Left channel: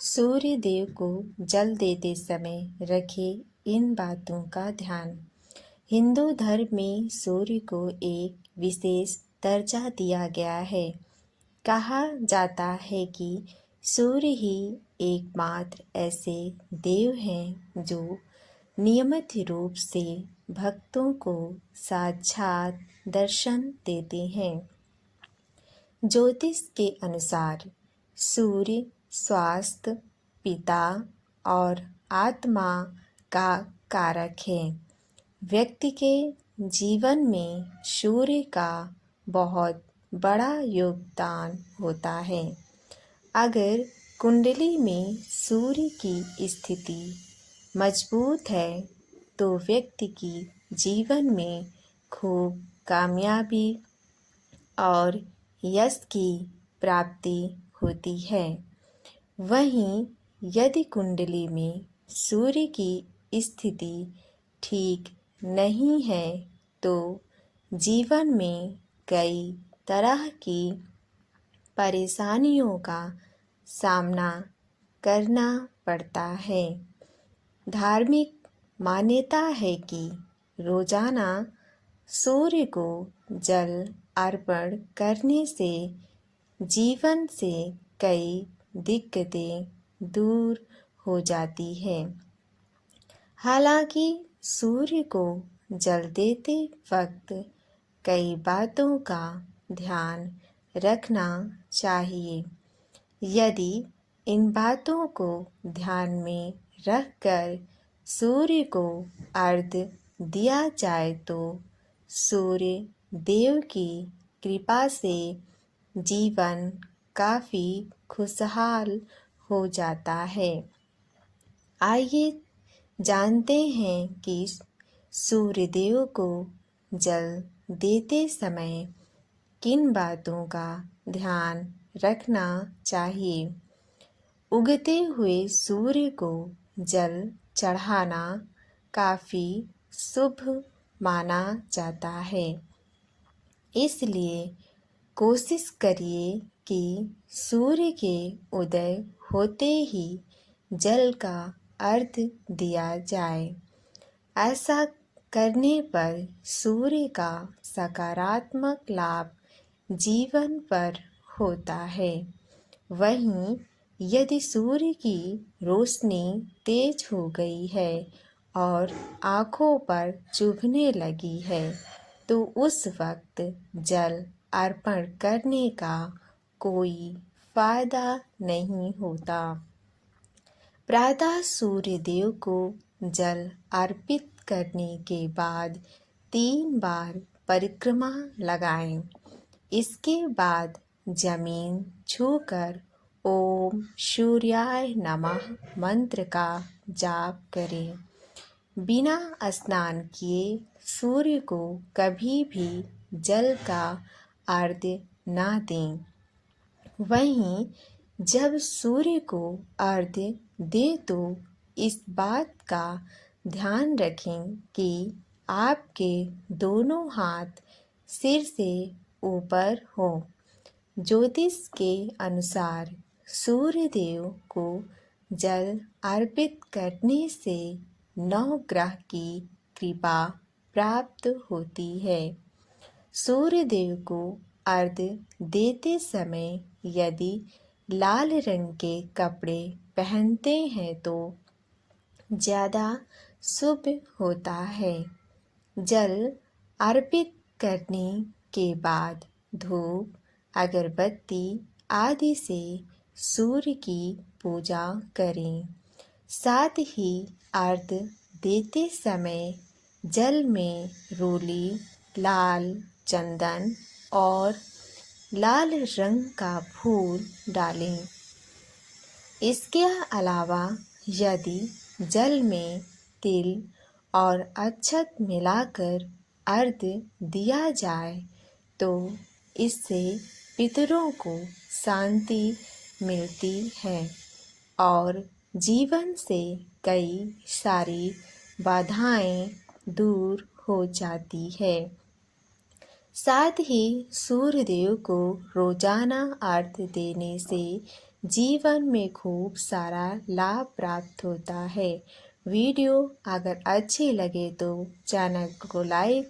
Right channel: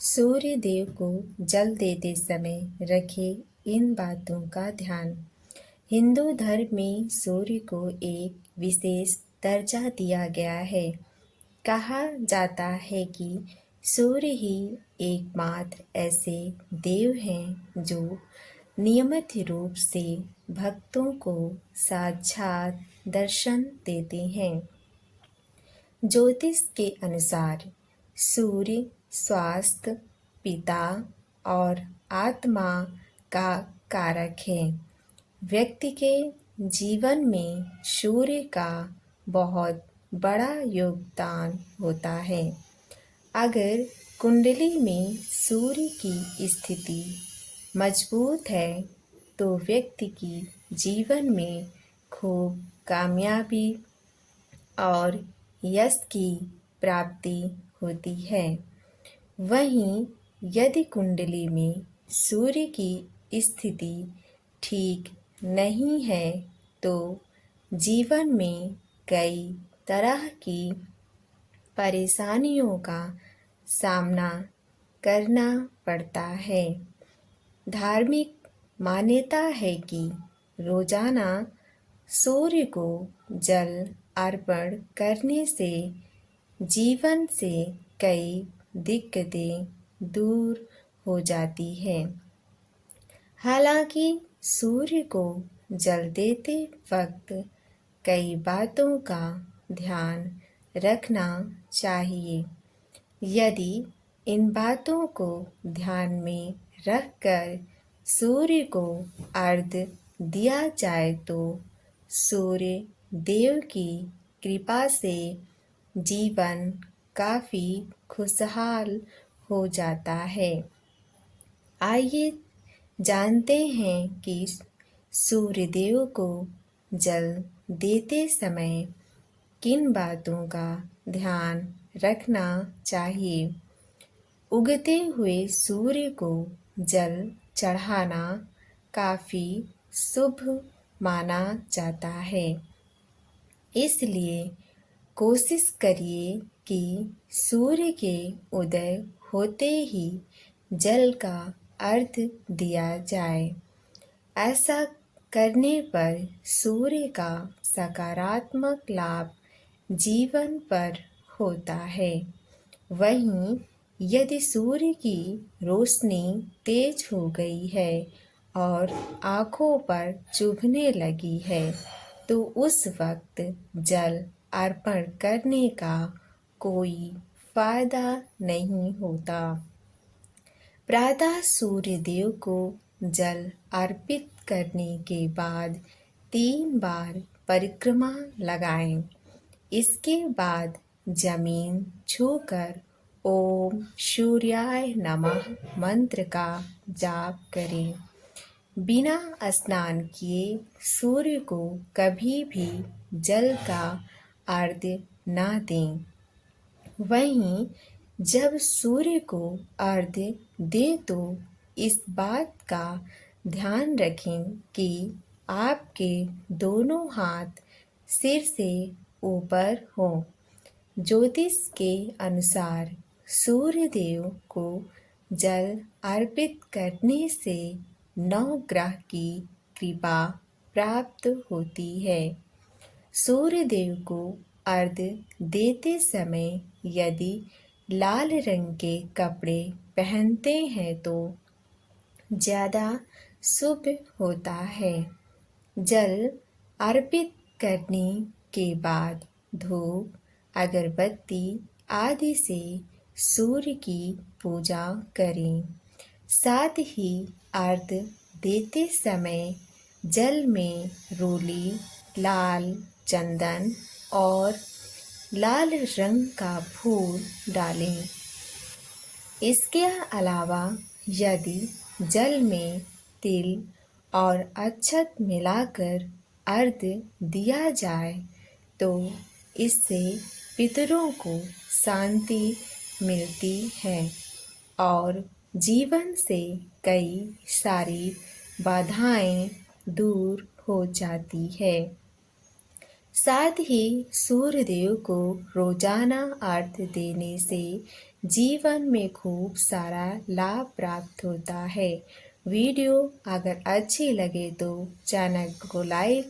सूर्य देव को जल देते समय रखें इन बातों का ध्यान। हिंदू धर्म में सूर्य को एक विशेष दर्जा दिया गया है। कहा जाता है कि सूर्य ही एकमात्र ऐसे देव हैं जो नियमित रूप से भक्तों को साक्षात दर्शन देते हैं। ज्योतिष के अनुसार सूर्य स्वास्थ्य, पिता और आत्मा का कारक है। व्यक्ति के जीवन में सूर्य का बहुत बड़ा योगदान होता है। अगर कुंडली में सूर्य की स्थिति मजबूत है तो व्यक्ति की जीवन में खूब कामयाबी और यश की प्राप्ति होती है। वहीं यदि कुंडली में सूर्य की स्थिति ठीक नहीं है तो जीवन में कई तरह की परेशानियों का सामना करना पड़ता है। धार्मिक मान्यता है कि रोजाना सूर्य को जल अर्पण करने से जीवन से कई दिक्कतें दूर हो जाती है। हालांकि सूर्य को जल देते वक्त कई बातों का ध्यान रखना चाहिए। यदि इन बातों को ध्यान में रखकर सूर्य को अर्घ्य दिया जाए तो सूर्य देव की कृपा से जीवन काफ़ी खुशहाल हो जाता है। आइए जानते हैं कि सूर्य देव को जल देते समय किन बातों का ध्यान रखना चाहिए। उगते हुए सूर्य को जल चढ़ाना काफ़ी शुभ माना जाता है। इसलिए कोशिश करिए कि सूर्य के उदय होते ही जल का अर्घ्य दिया जाए। ऐसा करने पर सूर्य का सकारात्मक लाभ जीवन पर होता है। वहीं यदि सूर्य की रोशनी तेज हो गई है और आँखों पर चुभने लगी है तो उस वक्त जल अर्पण करने का कोई फायदा नहीं होता। प्रातः सूर्य देव को जल अर्पित करने के बाद 3 बार परिक्रमा लगाएं। इसके बाद जमीन छूकर ओम सूर्याय नमः मंत्र का जाप करें। बिना स्नान किए सूर्य को कभी भी जल का अर्घ्य ना दें। वहीं जब सूर्य को अर्घ्य दें तो इस बात का ध्यान रखें कि आपके दोनों हाथ सिर से ऊपर हों। ज्योतिष के अनुसार सूर्य देव को जल अर्पित करने से 9 ग्रह की कृपा प्राप्त होती है। सूर्य देव को अर्घ्य देते समय यदि लाल रंग के कपड़े पहनते हैं तो ज़्यादा शुभ होता है। जल अर्पित करने के बाद धूप, अगरबत्ती आदि से सूर्य की पूजा करें। साथ ही अर्घ्य देते समय जल में रोली, लाल चंदन और लाल रंग का फूल डालें। इसके अलावा यदि जल में तिल और अक्षत मिलाकर अर्घ्य दिया जाए तो इससे पितरों को शांति मिलती है और जीवन से कई सारी बाधाएं दूर हो जाती है। साथ ही सूर्य देव को रोजाना अर्घ्य देने से जीवन में खूब सारा लाभ प्राप्त होता है। वीडियो अगर अच्छी लगे तो चैनल को लाइक